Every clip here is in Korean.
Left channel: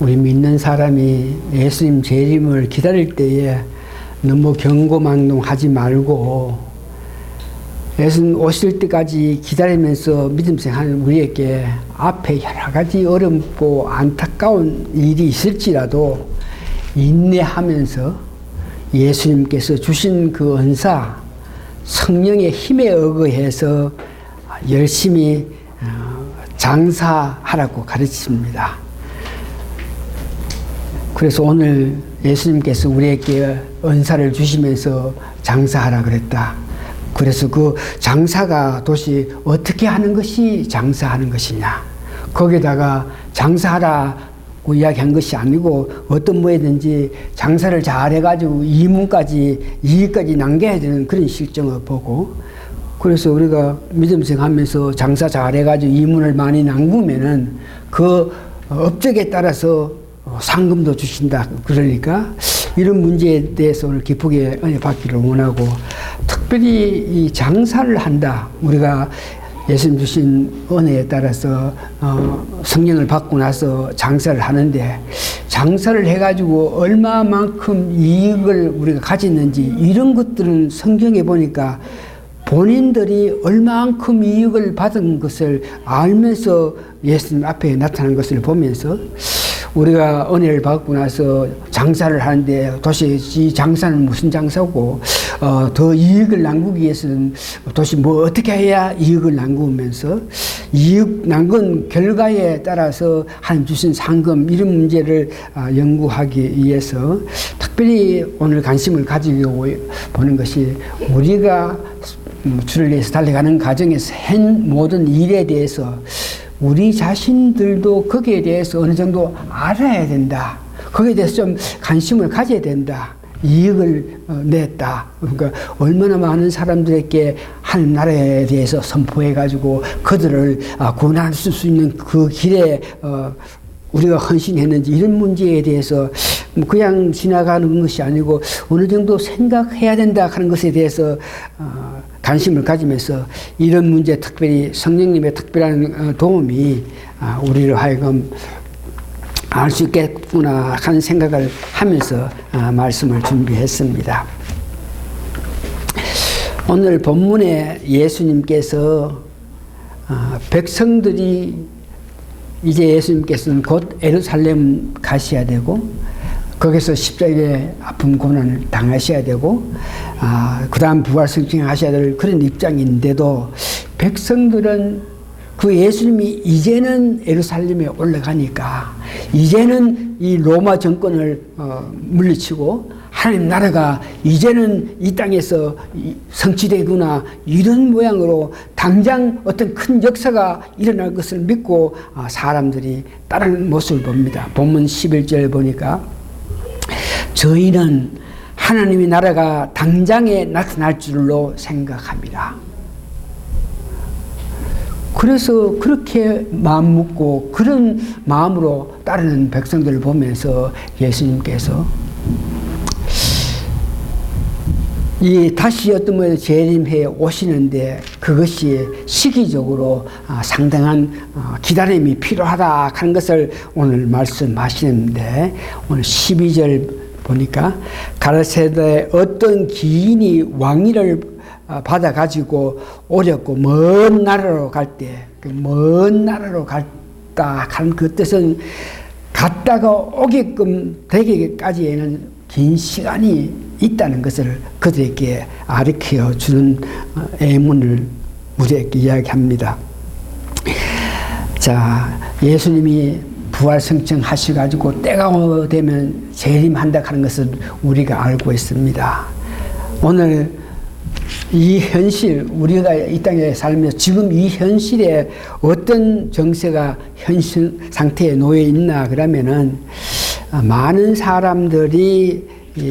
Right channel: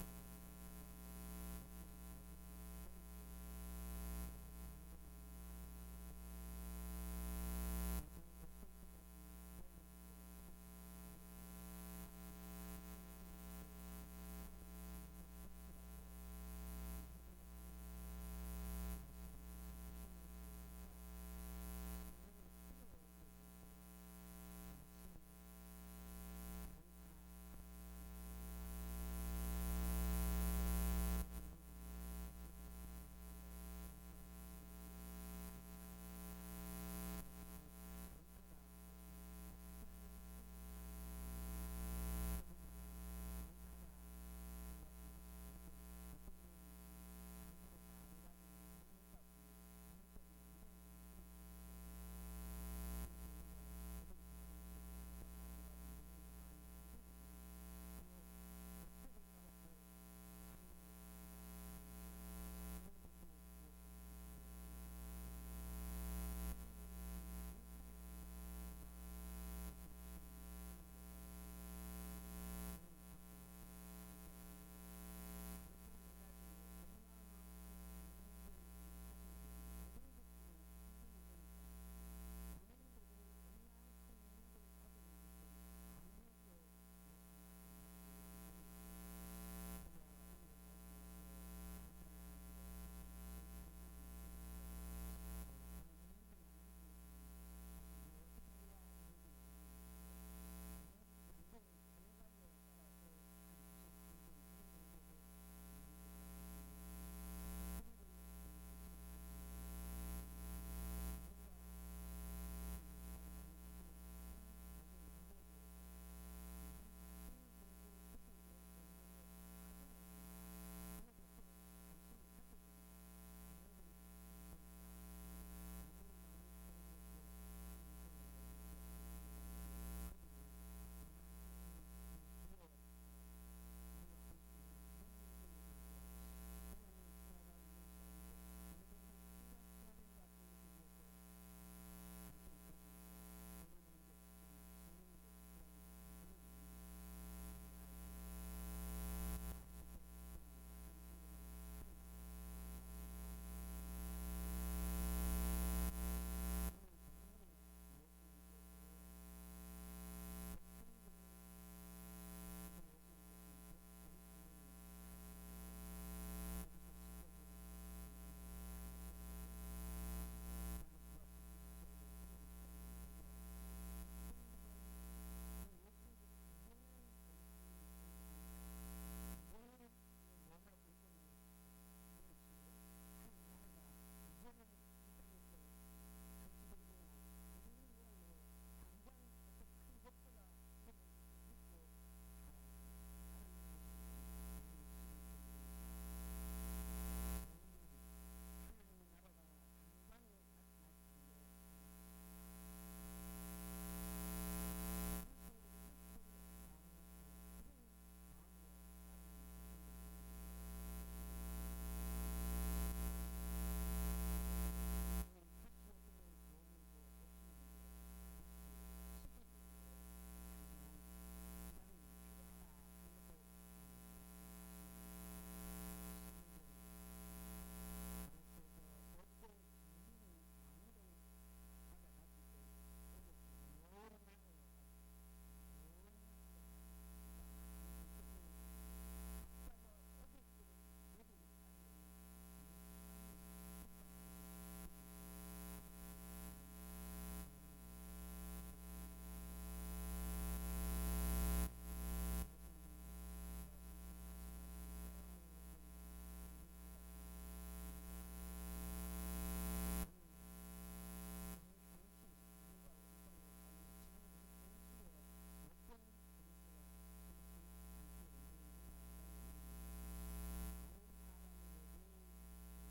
우리 믿는 사람이 예수님 재림을 기다릴 때에 너무 경고망동하지 말고 예수님 오실 때까지 기다리면서 믿음 생활하는 우리에게 앞에 여러 가지 어렵고 안타까운 일이 있을지라도 인내하면서 예수님께서 주신 그 은사, 성령의 힘에 의거해서 열심히 장사하라고 가르칩니다. 그래서 오늘 예수님께서 우리에게 은사를 주시면서 장사하라 그랬다. 그래서 그 장사가 도대체 어떻게 하는 것이 장사하는 것이냐. 거기다가 장사하라고 이야기한 것이 아니고 어떤 뭐든지 장사를 잘해가지고 이익까지 남겨야 되는 그런 실정을 보고, 그래서 우리가 믿음생 하면서 장사 잘해가지고 이문을 많이 남기면은 그 업적에 따라서 상금도 주신다. 그러니까 이런 문제에 대해서 오늘 기쁘게 은혜 받기를 원하고, 특별히 이 장사를 한다. 우리가 예수님 주신 은혜에 따라서 성령을 받고 나서 장사를 하는데, 장사를 해가지고 얼마만큼 이익을 우리가 가졌는지 이런 것들은 성경에 보니까 본인들이 얼마만큼 이익을 받은 것을 알면서 예수님 앞에 나타난 것을 보면서 우리가 은혜를 받고 나서 장사를 하는데 도대체 이 장사는 무슨 장사고 더 이익을 남기기 위해서는 도대체 뭐 어떻게 해야 이익을 남기면서 이익 남긴 결과에 따라서 하나님 주신 상금 이런 문제를 연구하기 위해서 특별히 오늘 관심을 가지고 보는 것이 우리가 주를 위해서 달려가는 과정에서 한 모든 일에 대해서 우리 자신들도 거기에 대해서 어느 정도 알아야 된다. 거기에 대해서 좀 관심을 가져야 된다. 이익을 냈다. 그러니까 얼마나 많은 사람들에게 하나님 나라에 대해서 선포해가지고 그들을 구원할 수 있는 그 길에 우리가 헌신했는지 이런 문제에 대해서 그냥 지나가는 것이 아니고 어느 정도 생각해야 된다 하는 것에 대해서 관심을 가지면서 이런 문제, 특별히 성령님의 특별한 도움이 우리를 하여금 알 수 있겠구나 하는 생각을 하면서 말씀을 준비했습니다. 오늘 본문에 예수님께서 백성들이 이제 예수님께서는 곧 예루살렘 가셔야 되고 거기서 십자가의 아픔 고난을 당하셔야 되고 그 다음 부활승천하셔야 될 그런 입장인데도 백성들은 그 예수님이 이제는 예루살렘에 올라가니까 이제는 이 로마 정권을 물리치고 하나님 나라가 이제는 이 땅에서 성취되구나 이런 모양으로 당장 어떤 큰 역사가 일어날 것을 믿고 사람들이 따르는 모습을 봅니다. 본문 11절 보니까 저희는 하나님의 나라가 당장에 나타날 줄로 생각합니다. 그래서 그렇게 마음 먹고 그런 마음으로 따르는 백성들을 보면서 예수님께서 이 다시 어떤 뭐 재림해 오시는데 그것이 시기적으로 상당한 기다림이 필요하다 하는 것을 오늘 말씀하시는데, 오늘 12절 보니까 가라사대 어떤 기인이 왕위를 받아 가지고 오렸고 먼 나라로 갈 때 그 먼 나라로 갔다 한 그 뜻은 갔다가 오게끔 되기까지에는 긴 시간이 있다는 것을 그들에게 가르쳐 주는 예문을 우리에게 이야기합니다. 자, 예수님이 부활승천 하셔가지고 때가 되면 재림한다 하는 것을 우리가 알고 있습니다. 오늘 이 현실, 우리가 이 땅에 살면서 지금 이 현실에 어떤 정세가 현실 상태에 놓여 있나 그러면은 많은 사람들이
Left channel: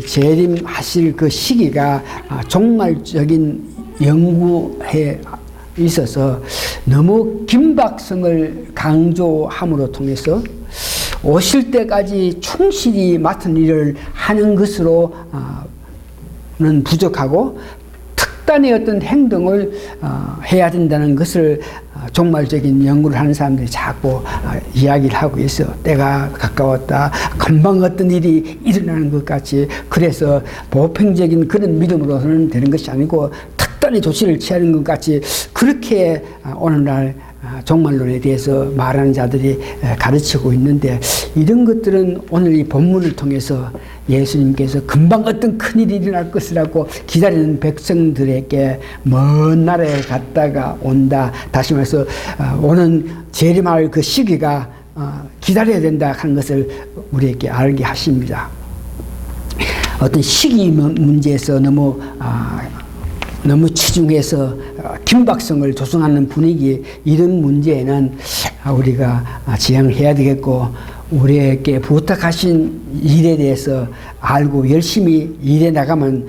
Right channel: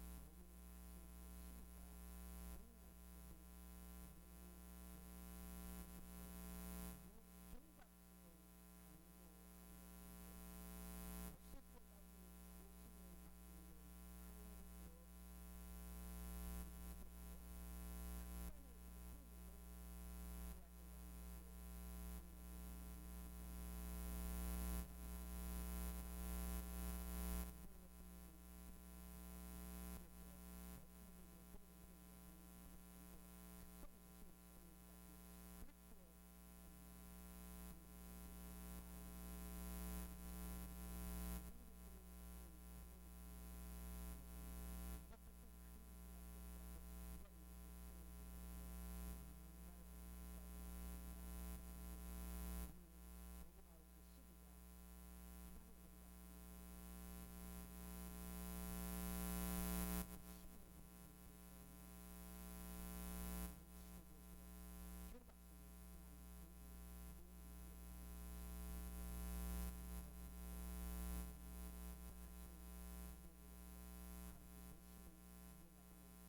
재림하실 그 시기가 종말적인 연구에 있어서 너무 긴박성을 강조함으로 통해서 오실 때까지 충실히 맡은 일을 하는 것으로는 부족하고 특단의 어떤 행동을 해야 된다는 것을 종말적인 연구를 하는 사람들이 자꾸 이야기를 하고 있어. 때가 가까웠다. 금방 어떤 일이 일어나는 것 같이. 그래서 보편적인 그런 믿음으로는 되는 것이 아니고 특단의 조치를 취하는 것 같이 그렇게 오늘날 종말론에 대해서 말하는 자들이 가르치고 있는데, 이런 것들은 오늘 이 본문을 통해서 예수님께서 금방 어떤 큰일이 일어날 것이라고 기다리는 백성들에게 먼 나라에 갔다가 온다. 다시 말해서 오는 재림할 그 시기가 기다려야 된다 하는 것을 우리에게 알게 하십니다. 어떤 시기 문제에서 너무 치중해서 긴박성을 조성하는 분위기, 이런 문제에는 우리가 지양해야 되겠고, 우리에게 부탁하신 일에 대해서 알고 열심히 일해 나가면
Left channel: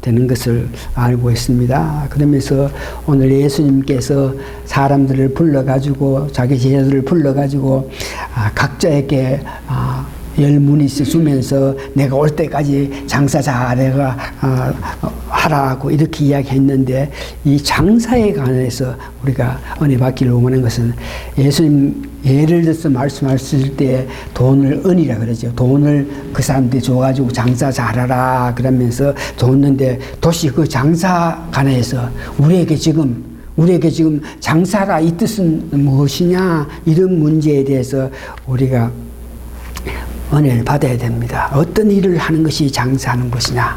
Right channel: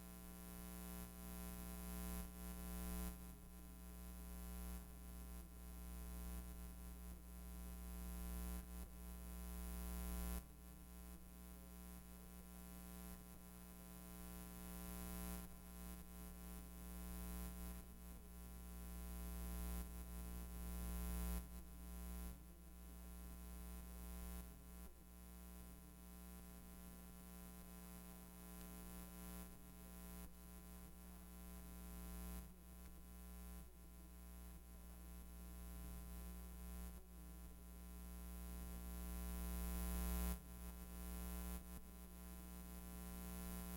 되는 것을 알고 있습니다. 그러면서 오늘 예수님께서 사람들을 불러가지고, 자기 제자들을 불러가지고 각자에게 열문이 주면서 내가 올 때까지 장사 잘해가 하라고 이렇게 이야기했는데, 이 장사에 관해서 우리가 은혜 받기를 원하는 것은, 예수님 예를 들어서 말씀하실 때 돈을 은이라 그러죠. 돈을 그 사람들이 줘가지고 장사 잘하라 그러면서 줬는데, 도시 그 장사 관해서 우리에게 지금 장사가 이 뜻은 무엇이냐, 이런 문제에 대해서 우리가 은혜를 받아야 됩니다. 어떤 일을 하는 것이 장사하는 것이냐.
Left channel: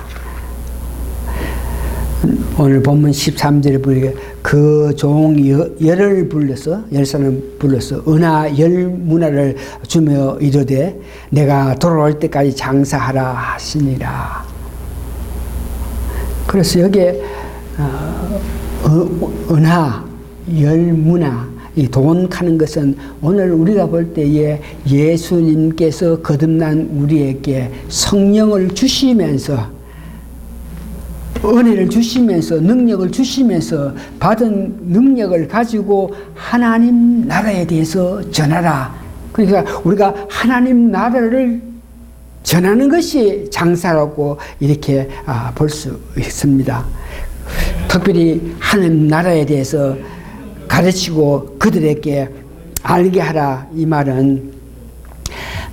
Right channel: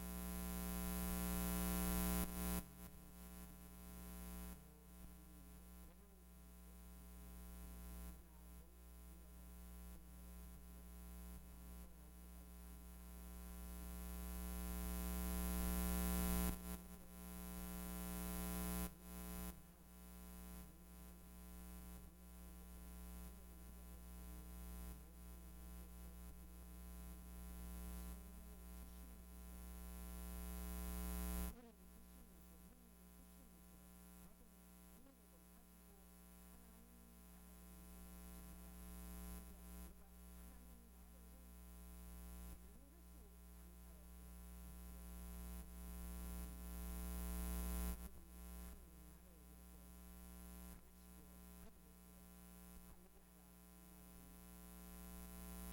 오늘 본문 13절에 보니까 그 종 열을 불러서, 열사는 불러서 은하 열 문화를 주며 이르되 내가 돌아올 때까지 장사하라 하시니라. 그래서 여기에 은하 열 문화, 이 돈 가는 것은 오늘 우리가 볼 때에 예수님께서 거듭난 우리에게 성령을 주시면서, 은혜를 주시면서, 능력을 주시면서 받은 능력을 가지고 하나님 나라에 대해서 전하라. 그러니까 우리가 하나님 나라를 전하는 것이 장사라고 이렇게 볼 수 있습니다. 특별히 하나님 나라에 대해서 가르치고 그들에게 알게 하라, 이 말은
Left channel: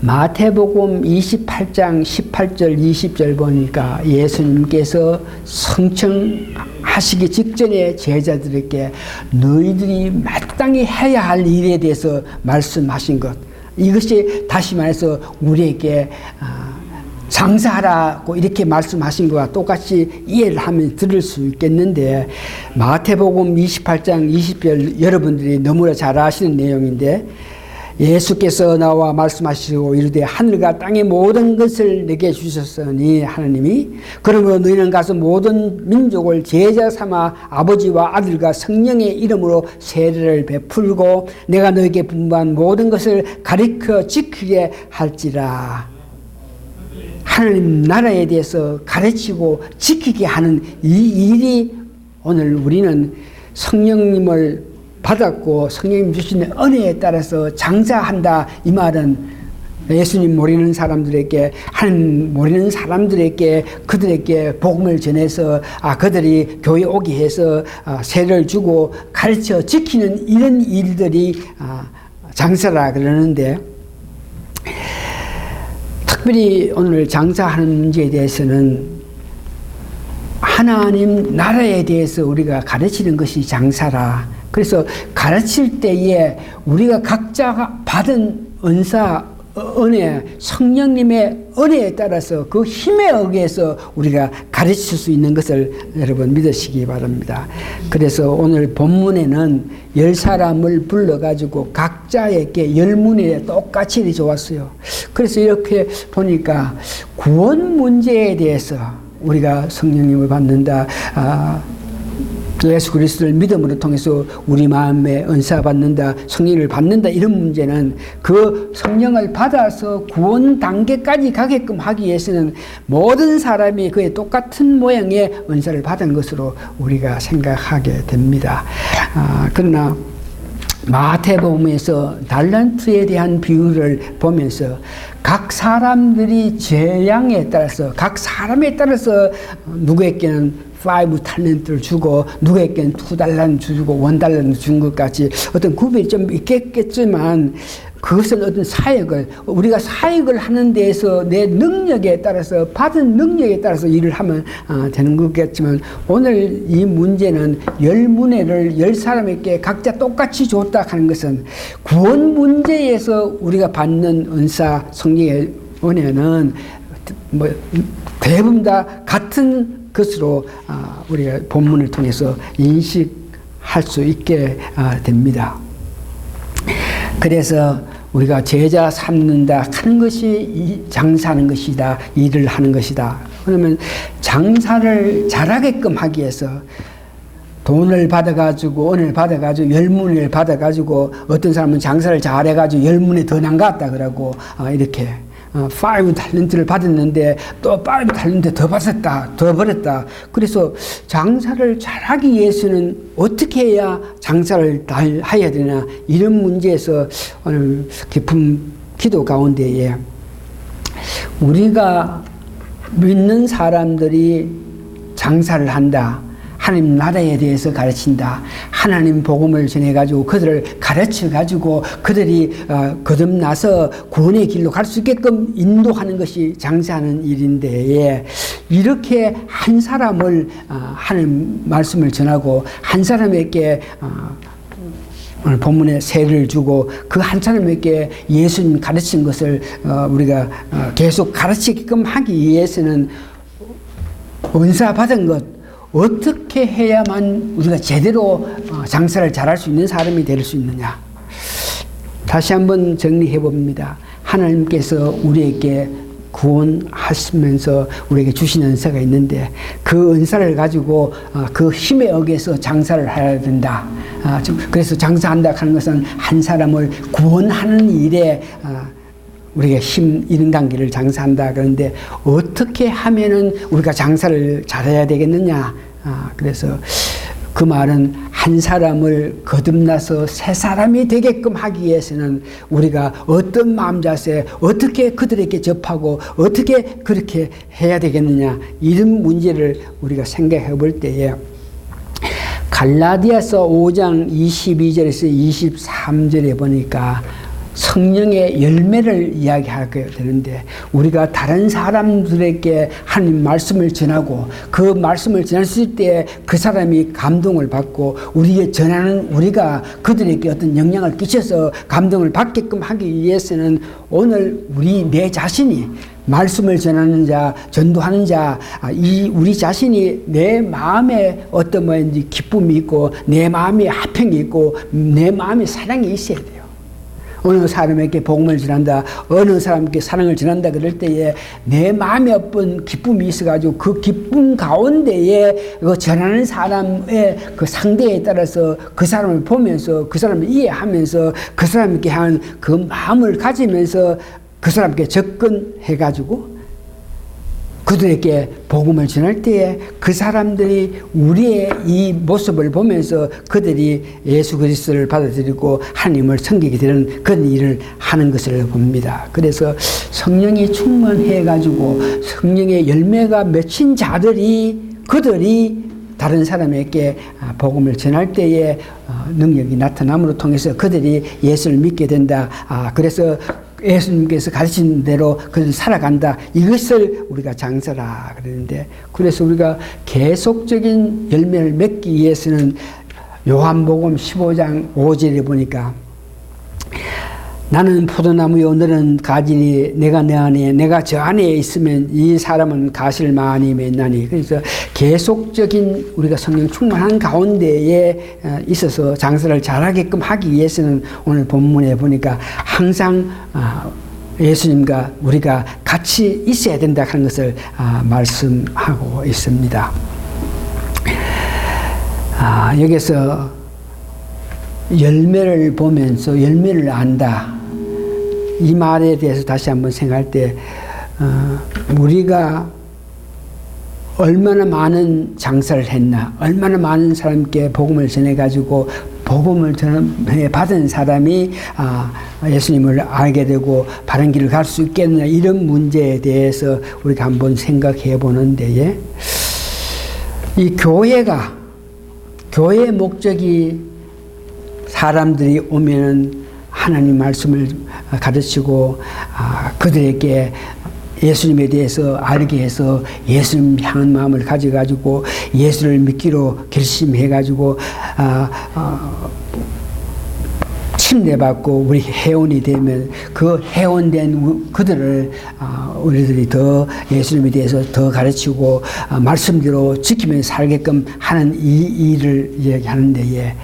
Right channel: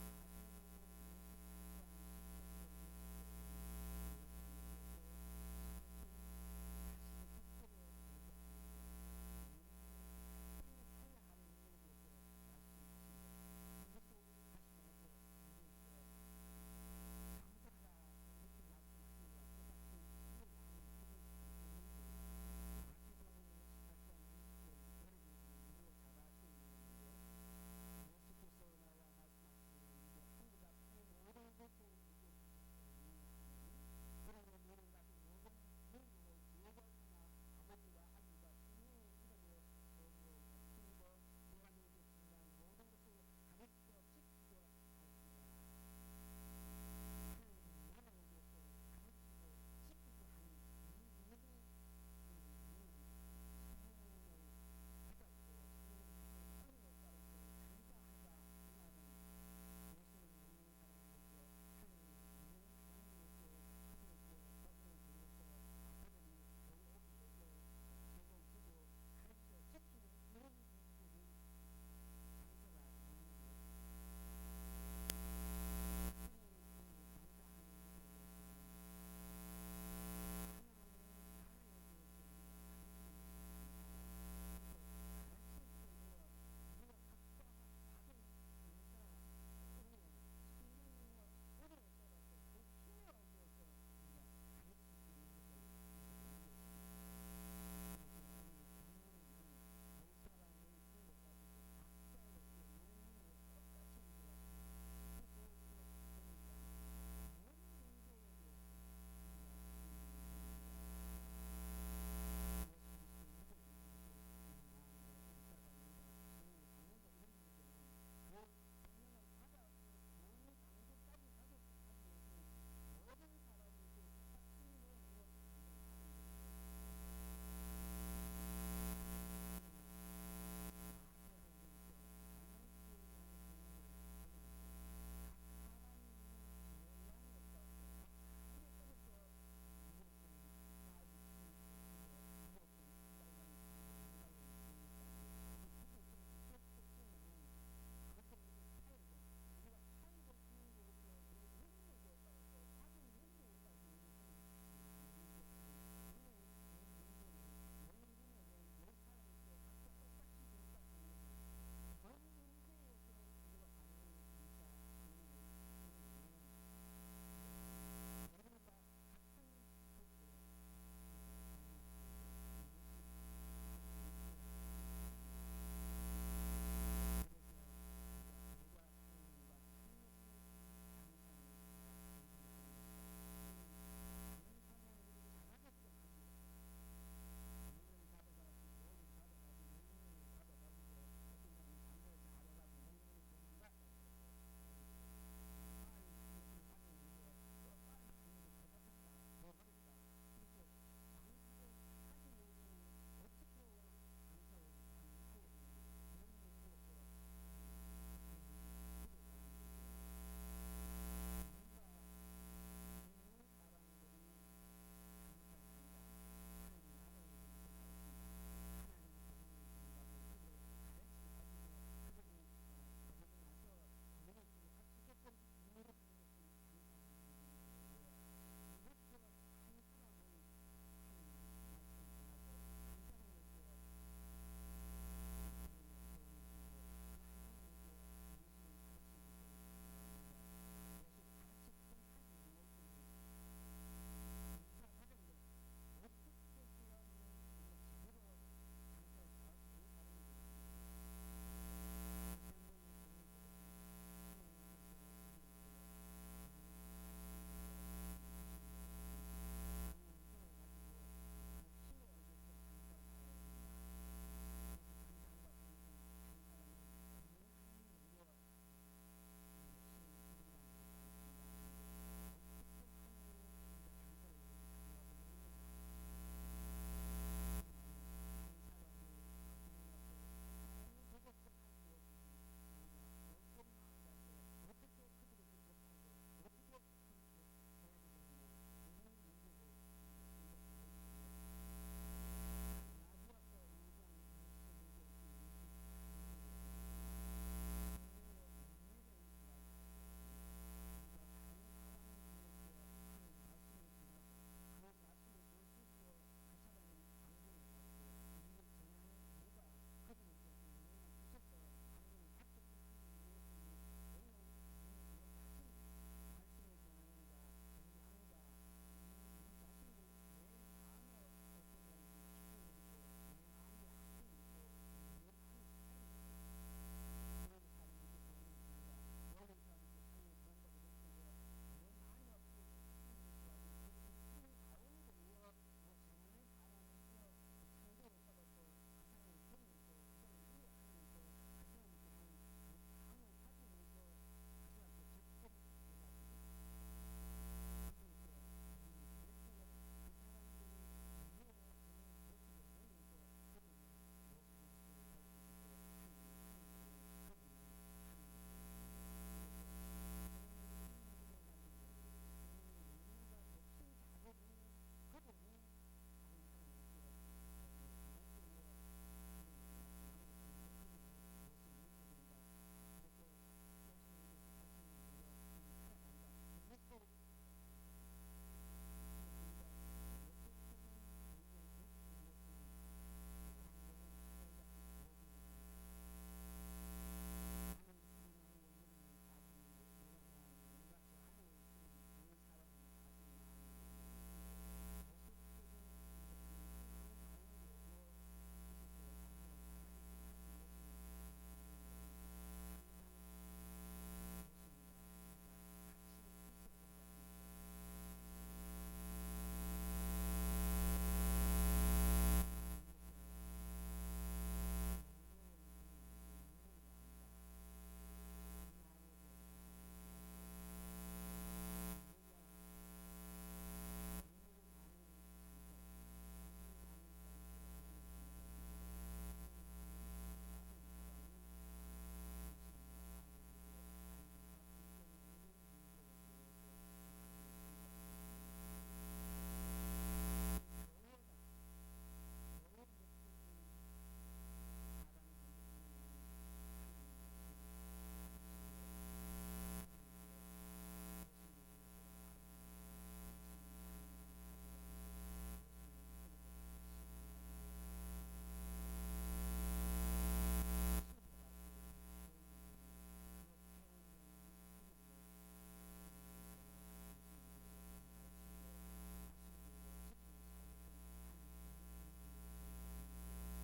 마태복음 28장 18절 20절 보니까 예수님께서 성청하시기 직전에 제자들에게 너희들이 마땅히 해야 할 일에 대해서 말씀하신 것, 이것이 다시 말해서 우리에게 장사하라고 이렇게 말씀하신 것과 똑같이 이해를 하면 들을 수 있겠는데, 마태복음 28장 20절 여러분들이 너무나 잘 아시는 내용인데, 예수께서 나와 말씀하시고 이르되 하늘과 땅의 모든 것을 내게 주셨으니 하나님이, 그러므로 너희는 가서 모든 민족을 제자 삼아 아버지와 아들과 성령의 이름으로 세례를 베풀고 내가 너희에게 분부한 모든 것을 가르쳐 지키게 할지라. 하나님 나라에 대해서 가르치고 지키게 하는 이 일이 오늘 우리는 성령님을 받았고 성령님 주시는 은혜에 따라서 장사한다, 이 말은 예수님 모르는 사람들에게, 하나님 모르는 사람들에게 그들에게 복음을 전해서 그들이 교회 오게 해서 세례를 주고 가르쳐 지키는 이런 일들이 장사라 그러는데, 특별히 오늘 장사하는 문제에 대해서는 하나님 나라에 대해서 우리가 가르치는 것이 장사라. 그래서 가르칠 때에 우리가 각자가 받은 은사, 은혜, 성령님의 은혜에 따라서 그 힘에 의해서 우리가 가르칠 수 있는 것을 여러분 믿으시기 바랍니다. 그래서 오늘 본문에는 10사람을 불러가지고 각자에게 10문에 똑같이 좋았어요. 그래서 이렇게 보니까 구원 문제에 대해서 우리가 성령님을 받는다, 예수 그리스도를 믿음으로 통해서 우리 마음에 은사 받는다, 성령을 받는다, 이런 문제는 그 성령을 받아서 구원 단계까지 가게끔 하기 위해서는 모든 사람이 그의 똑같은 모양의 은사를 받은 것으로 우리가 생각하게 됩니다. 그러나 마태복음에서 달란트에 대한 비유를 보면서 각 사람들이 재량에 따라서, 각 사람에 따라서 누구에게는 5 탤런트를 주고 누구에게는 2달러를 주고 1달러를 준 것 같이 어떤 구별이 좀 있겠지만 그것은 어떤 사역을 우리가 사역을 하는 데에서 내 능력에 따라서 받은 능력에 따라서 일을 하면 되는 거겠지만 오늘 이 문제는 10문회를 10사람에게 각자 똑같이 줬다 하는 것은 구원 문제에서 우리가 받는 은사 성령의 은혜는 뭐 대부분 다 같은 것으로 우리가 본문을 통해서 인식할 수 있게 됩니다. 그래서 우리가 제자 삼는다 하는 것이 장사하는 것이다. 일을 하는 것이다. 그러면 장사를 잘하게끔 하기 위해서 돈을 받아가지고 은혜를 받아가지고 10문을 받아가지고 어떤 사람은 장사를 잘해가지고 10문에 더 남갔다 그러고 이렇게 5 탤런트를 받았는데 또 5 탤런트 더 받았다, 더 벌었다. 그래서 장사를 잘하기 위해서는 어떻게 해야 장사를 잘 해야 되나 이런 문제에서 오늘 깊은 기도 가운데에 우리가 믿는 사람들이 장사를 한다. 하나님 나라에 대해서 가르친다. 하나님 복음을 전해가지고 그들을 가르쳐가지고 그들이 거듭나서 구원의 길로 갈 수 있게끔 인도하는 것이 장사하는 일인데 이렇게 한 사람을 하나님 말씀을 전하고 한 사람에게 오늘 본문에 세를 주고 그 한 사람에게 예수님 가르친 것을 우리가 계속 가르치게끔 하기 위해서는 은사 받은 것 어떻게 해야만 우리가 제대로 장사를 잘할 수 있는 사람이 될 수 있느냐. 다시 한번 정리해 봅니다. 하나님께서 우리에게 구원하시면서 우리에게 주신 은사가 있는데 그 은사를 가지고 그 힘에 의해서 장사를 해야 된다. 그래서 장사한다 하는 것은 한 사람을 구원하는 일에 우리가 힘 잃은 관계를 장사한다. 그런데 어떻게 하면은 우리가 장사를 잘해야 되겠느냐. 그래서 그 말은 한 사람을 거듭나서 새 사람이 되게끔 하기 위해서는 우리가 어떤 마음 자세, 어떻게 그들에게 접하고 어떻게 그렇게 해야 되겠느냐. 이런 문제를 우리가 생각해 볼 때에 갈라디아서 5장 22절에서 23절에 보니까 성령의 열매를 이야기하게 되는데 우리가 다른 사람들에게 하나님 말씀을 전하고 그 말씀을 전했을 때 그 사람이 감동을 받고 우리의 전하는 우리가 그들에게 어떤 영향을 끼쳐서 감동을 받게끔 하기 위해서는 오늘 내 자신이 말씀을 전하는 자, 전도하는 자, 우리 자신이 내 마음에 어떤 뭐인지 기쁨이 있고 내 마음에 화평이 있고 내 마음에 사랑이 있어야 돼요. 어느 사람에게 복음을 전한다, 어느 사람에게 사랑을 전한다 그럴 때에 내 마음에 어떤 기쁨이 있어가지고 그 기쁨 가운데에 그 전하는 사람의 그 상대에 따라서 그 사람을 보면서 그 사람을 이해하면서 그 사람에게 한 그 마음을 가지면서 그 사람께 접근해가지고 그들에게 복음을 전할 때에 그 사람들이 우리의 이 모습을 보면서 그들이 예수 그리스도를 받아들이고 하나님을 섬기게 되는 그런 일을 하는 것을 봅니다. 그래서 성령이 충만해가지고 성령의 열매가 맺힌 자들이 그들이 다른 사람에게 복음을 전할 때에 능력이 나타남으로 통해서 그들이 예수를 믿게 된다. 그래서 예수님께서 가르친 대로 그들 살아간다. 이것을 우리가 장사라 그러는데 그래서 우리가 계속적인 열매를 맺기 위해서는 요한복음 15장 5절에 보니까 나는 포도나무요 너는 가지니 내가 내 안에 내가 저 안에 있으면 이 사람은 가시를 많이 맺나니. 그래서 계속적인 우리가 성령 충만한 가운데에 있어서 장사를 잘하게끔 하기 위해서는 오늘 본문에 보니까 항상 예수님과 우리가 같이 있어야 된다 하는 것을 말씀하고 있습니다. 여기서 열매를 보면서 열매를 안다. 이 말에 대해서 다시 한번 생각할 때 우리가 얼마나 많은 장사를 했나, 얼마나 많은 사람께 복음을 전해가지고 복음을 전해 받은 사람이 예수님을 알게 되고 바른 길을 갈 수 있겠느냐 이런 문제에 대해서 우리가 한번 생각해 보는 데에 이 교회의 목적이 사람들이 오면은 하나님 말씀을 가르치고 그들에게 예수님에 대해서 알게 해서 예수님 향한 마음을 가져가지고 예수를 믿기로 결심해가지고 침례받고 우리 회원이 되면 그 회원된 그들을 우리들이 더 예수님에 대해서 더 가르치고 말씀대로 지키면서 살게끔 하는 이 일을 이야기하는데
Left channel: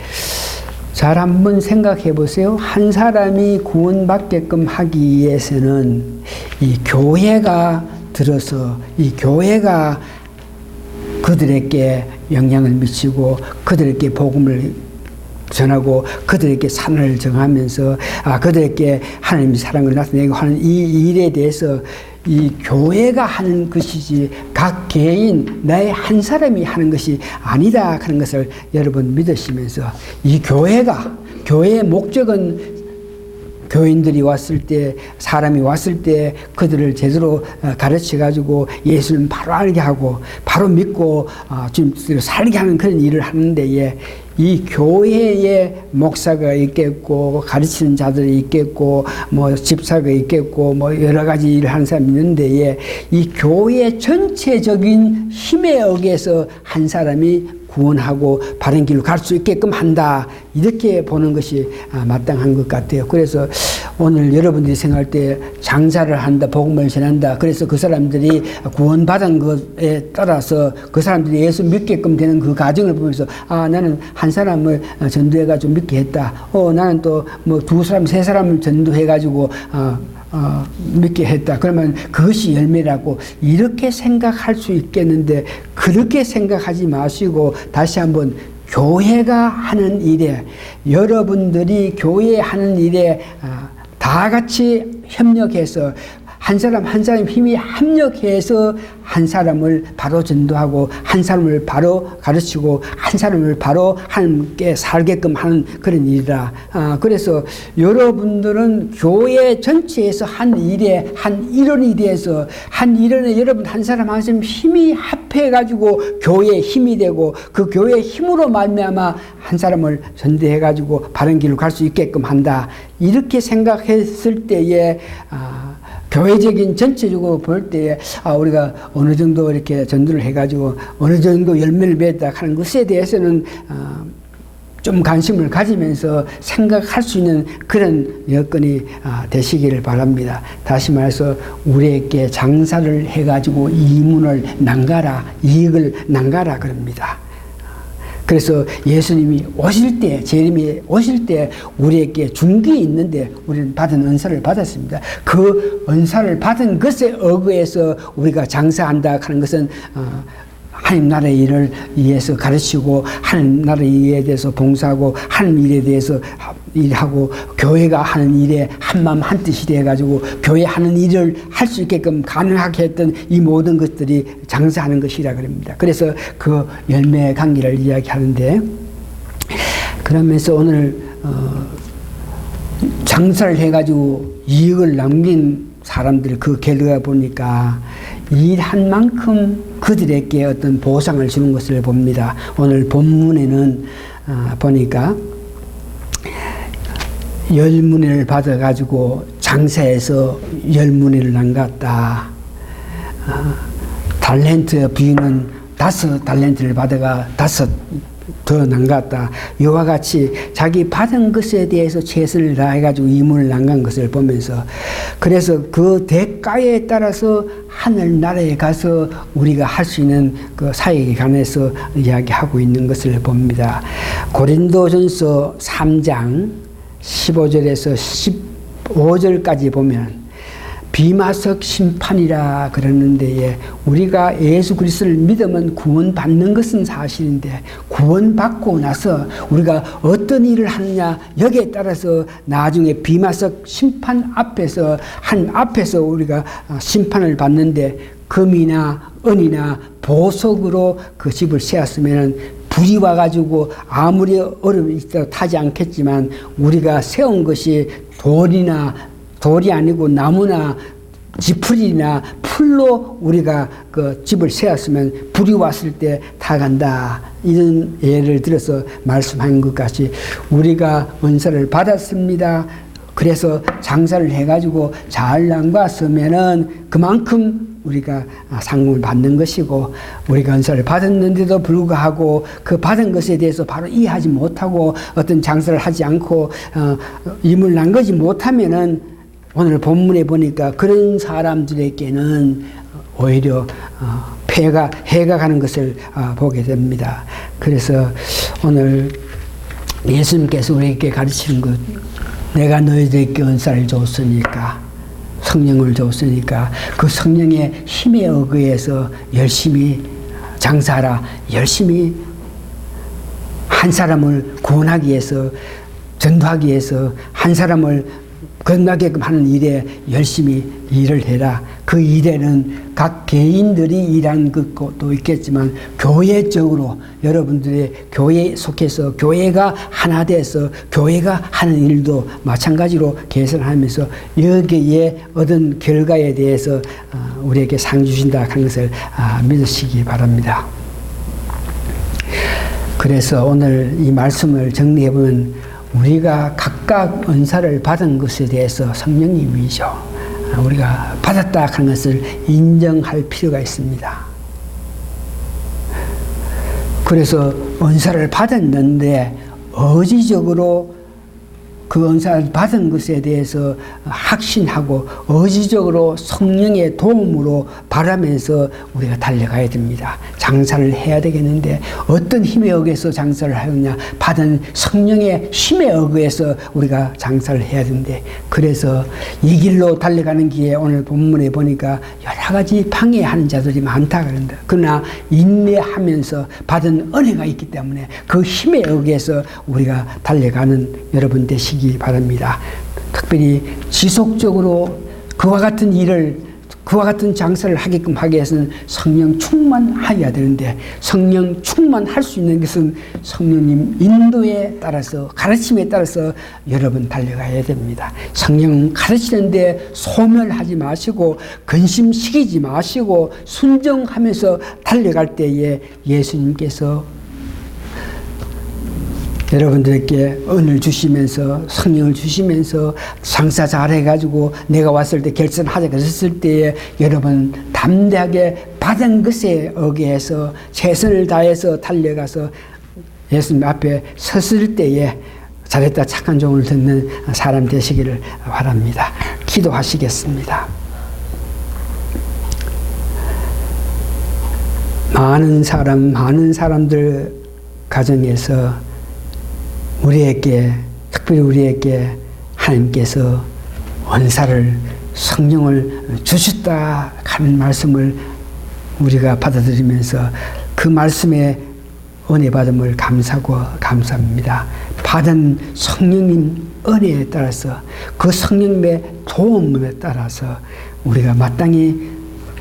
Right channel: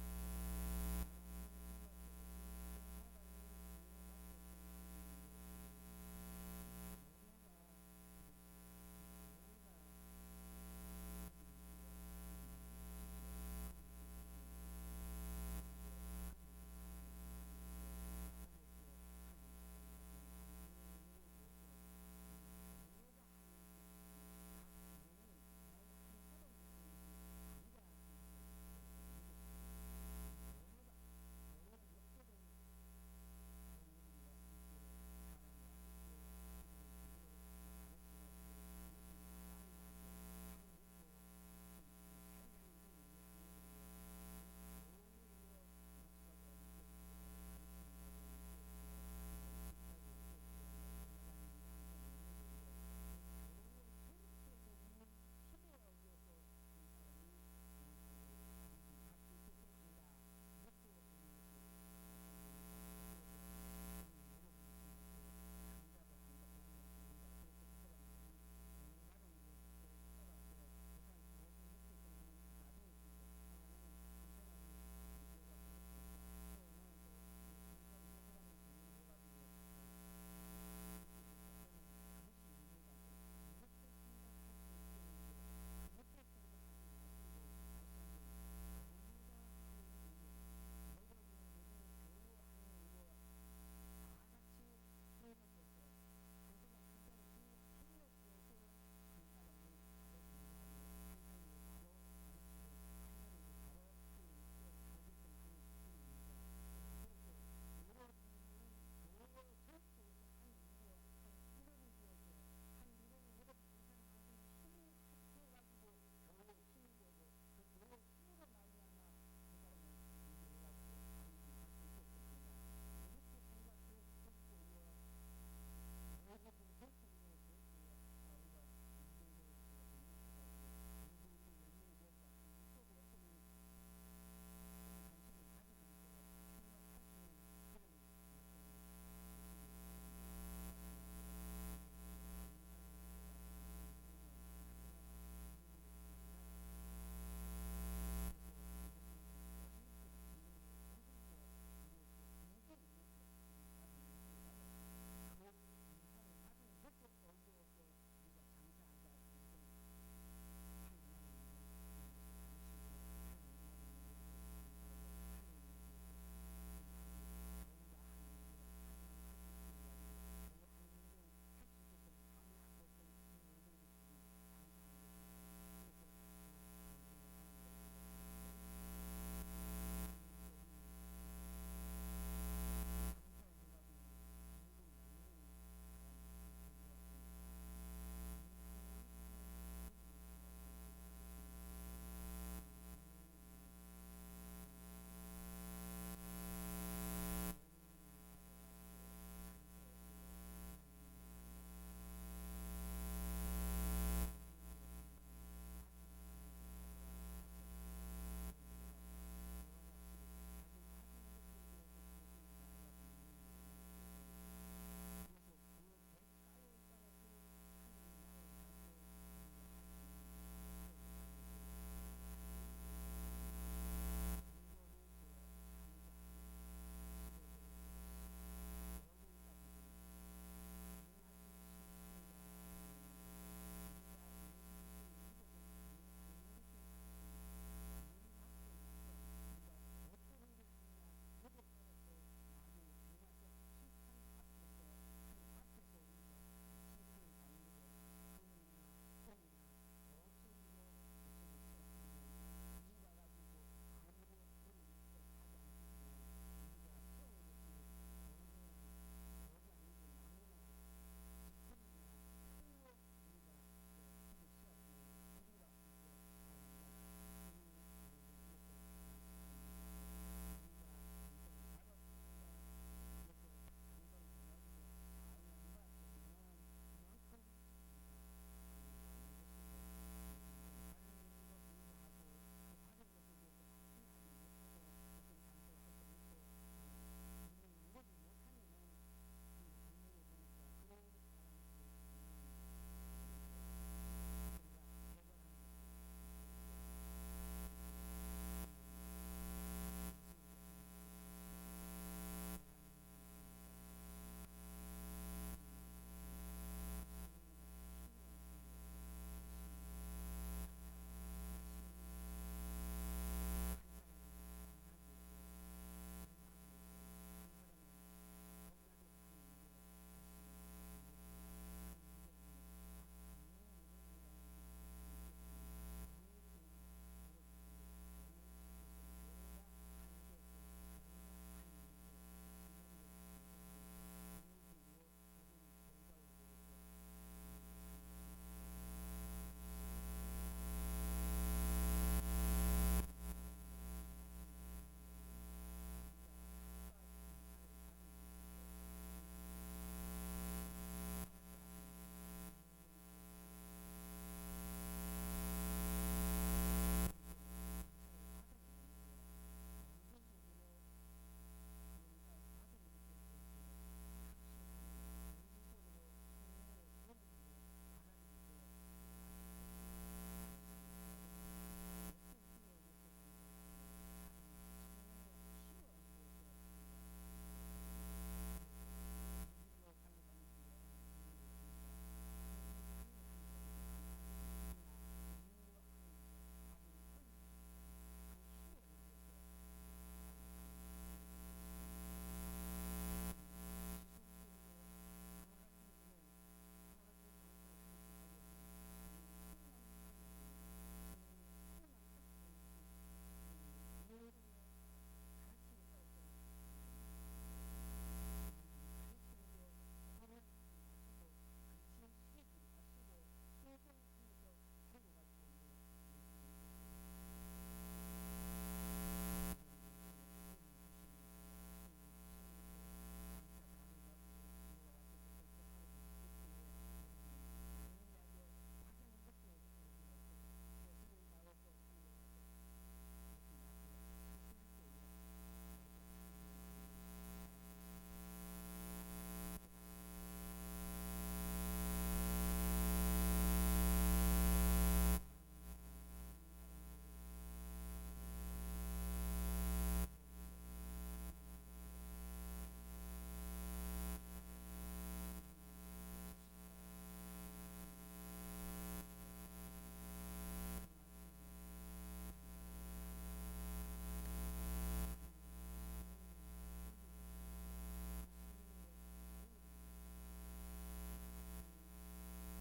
잘 한번 생각해 보세요. 한 사람이 구원받게끔 하기 위해서는 이 교회가 들어서 이 교회가 그들에게 영향을 미치고 그들에게 복음을 전하고 그들에게 산을 정하면서 그들에게 하나님의 사랑을 나타내고 하는 이 일에 대해서 이 교회가 하는 것이지 각 개인 나의 한 사람이 하는 것이 아니다 하는 것을 여러분 믿으시면서 이 교회의 목적은 교인들이 왔을 때 사람이 왔을 때 그들을 제대로 가르쳐 가지고 예수를 바로 알게 하고 바로 믿고 지금 살게 하는 그런 일을 하는데 이 교회에 목사가 있겠고 가르치는 자들이 있겠고 뭐 집사가 있겠고 뭐 여러 가지 일을 하는 사람이 있는데 이 교회 전체적인 힘에 의해서 한 사람이 구원하고 바른 길로 갈 수 있게끔 한다 이렇게 보는 것이 마땅한 것 같아요. 그래서 오늘 여러분들이 생각할 때 장사를 한다 복음을 전한다 그래서 그 사람들이 구원받은 것에 따라서 그 사람들이 예수 믿게끔 되는 그 과정을 보면서 나는 한 사람을 전도해가지고 믿게 했다. 나는 또 뭐 두 사람 세 사람을 전도해가지고 믿게 했다. 그러면 그것이 열매라고 이렇게 생각할 수 있겠는데 그렇게 생각하지 마시고 다시 한번 교회가 하는 일에 여러분들이 교회 하는 일에 다 같이 협력해서 한 사람 한 사람 힘이 합력해서 한 사람을 바로 전도하고 한 사람을 바로 가르치고 한 사람을 바로 함께 살게끔 하는 그런 일이라. 그래서 여러분들은 교회 전체에서 한 일에 한 일원이 돼서 한 일원에 여러분 한 사람 한 사람 힘이 합해가지고 교회의 힘이 되고 그 교회의 힘으로 말미암아 한 사람을 전도해가지고 바른 길로 갈 수 있게끔 한다. 이렇게 생각했을 때에 교회적인 전체적으로 볼 때 우리가 어느 정도 이렇게 전도를 해가지고 어느 정도 열매를 맺다 하는 것에 대해서는 좀 관심을 가지면서 생각할 수 있는 그런 여건이 되시기를 바랍니다. 다시 말해서 우리에게 장사를 해가지고 이익을 낭가라 그럽니다. 그래서 예수님이 오실 때, 재림이 오실 때 우리에게 준 게 있는데 우리는 받은 은사를 받았습니다. 그 은사를 받은 것에 의거해서 우리가 장사한다 하는 것은 하나님 나라의 일을 위해서 가르치고 하나님 나라의 일에 대해서 봉사하고 하나님 일에 대해서 일하고 교회가 하는 일에 한마음 한뜻이 돼가지고 교회 하는 일을 할 수 있게끔 가능하게 했던 이 모든 것들이 장사하는 것이라 그럽니다. 그래서 그 열매의 관계를 이야기하는데 그러면서 오늘 장사를 해가지고 이익을 남긴 사람들 그 결과 보니까 일한 만큼 그들에게 어떤 보상을 주는 것을 봅니다. 오늘 본문에는 보니까 10문을 받아가지고 장사해서 10문을 남겼다. 달란트 부인은 5달란트를 받아가 5 더 남겼다. 이와 같이 자기 받은 것에 대해서 최선을 다해가지고 이문을 남긴 것을 보면서 그래서 그 대가에 따라서 하늘나라에 가서 우리가 할 수 있는 그 사역에 관해서 이야기하고 있는 것을 봅니다. 고린도전서 3장 15절에서 15절까지 보면 비마석 심판이라 그러는데 우리가 예수 그리스도를 믿으면 구원받는 것은 사실인데 구원받고 나서 우리가 어떤 일을 하느냐 여기에 따라서 나중에 비마석 심판 앞에서 앞에서 우리가 심판을 받는데 금이나 은이나 보석으로 그 집을 세웠으면 불이 와가지고 아무리 얼음이 있어도 타지 않겠지만 우리가 세운 것이 돌이 아니고 나무나 지풀이나 풀로 우리가 그 집을 세웠으면 불이 왔을 때 타간다. 이런 예를 들어서 말씀한 것 같이 우리가 은사를 받았습니다. 그래서 장사를 해가지고 잘 남갔으면은 그만큼 우리가 상금을 받는 것이고, 우리가 은사를 받았는데도 불구하고 그 받은 것에 대해서 바로 이해하지 못하고 어떤 장사를 하지 않고 임을 남기지 못하면은 오늘 본문에 보니까 그런 사람들에게는 오히려 해가 가는 것을 보게 됩니다. 그래서 오늘 예수님께서 우리에게 가르치는 것, 내가 너희들에게 은사를 줬으니까, 성령을 줬으니까 그 성령의 힘에 의거해서 열심히 장사하라. 열심히 한 사람을 구원하기 위해서, 전도하기 위해서 한 사람을 건너게끔 하는 일에 열심히 일을 해라. 그 일에는 각 개인들이 일하는 것도 있겠지만 교회적으로 여러분들의 교회에 속해서 교회가 하나 돼서 교회가 하는 일도 마찬가지로 개선하면서 여기에 얻은 결과에 대해서 우리에게 상 주신다 하는 것을 믿으시기 바랍니다. 그래서 오늘 이 말씀을 정리해보면 우리가 각각 은사를 받은 것에 대해서 성령님이죠. 우리가 받았다 하는 것을 인정할 필요가 있습니다. 그래서 은사를 받았는데 의지적으로 그 은사를 받은 것에 대해서 확신하고 의지적으로 성령의 도움으로 바라면서 우리가 달려가야 됩니다. 장사를 해야 되겠는데 어떤 힘에 의해서 장사를 하느냐? 받은 성령의 힘에 의해서 우리가 장사를 해야 되는데, 그래서 이 길로 달려가는 길에 오늘 본문에 보니까 여러 가지 방해하는 자들이 많다 그런다. 그러나 인내하면서 받은 은혜가 있기 때문에 그 힘에 의해서 우리가 달려가는 여러분 되시기 바랍니다. 특별히 지속적으로 그와 같은 일을, 그와 같은 장사를 하게끔 하기 위해서는 성령 충만하여야 되는데, 성령 충만할 수 있는 것은 성령님 인도에 따라서, 가르침에 따라서 여러분 달려가야 됩니다. 성령 가르치는데 소멸하지 마시고 근심시키지 마시고 순종하면서 달려갈 때에 예수님께서 여러분들에게 은을 주시면서 성령을 주시면서 장사 잘해가지고 내가 왔을 때 결선하자 그랬을 때에 여러분 담대하게 받은 것에 의해서 최선을 다해서 달려가서 예수님 앞에 섰을 때에 잘했다 착한 종을 듣는 사람 되시기를 바랍니다. 기도하시겠습니다. 많은 사람들 가정에서 우리에게, 특별히 우리에게 하나님께서 은사를, 성령을 주셨다 하는 말씀을 우리가 받아들이면서 그 말씀에 은혜 받음을 감사하고 감사합니다. 받은 성령님 은혜에 따라서, 그 성령님의 도움에 따라서 우리가 마땅히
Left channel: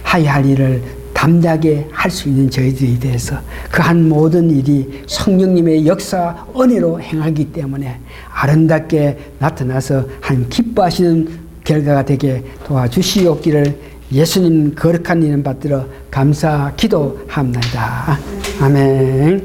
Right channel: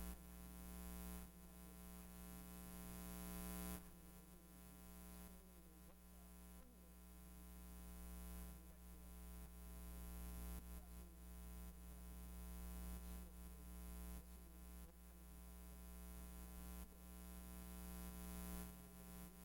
하야 할 일을 담대하게 할 수 있는 저희들에 대해서 그 한 모든 일이 성령님의 역사 은혜로 행하기 때문에 아름답게 나타나서 한 기뻐하시는 결과가 되게 도와주시옵기를 예수님 거룩한 이름 받들어 감사 기도합니다. 아멘.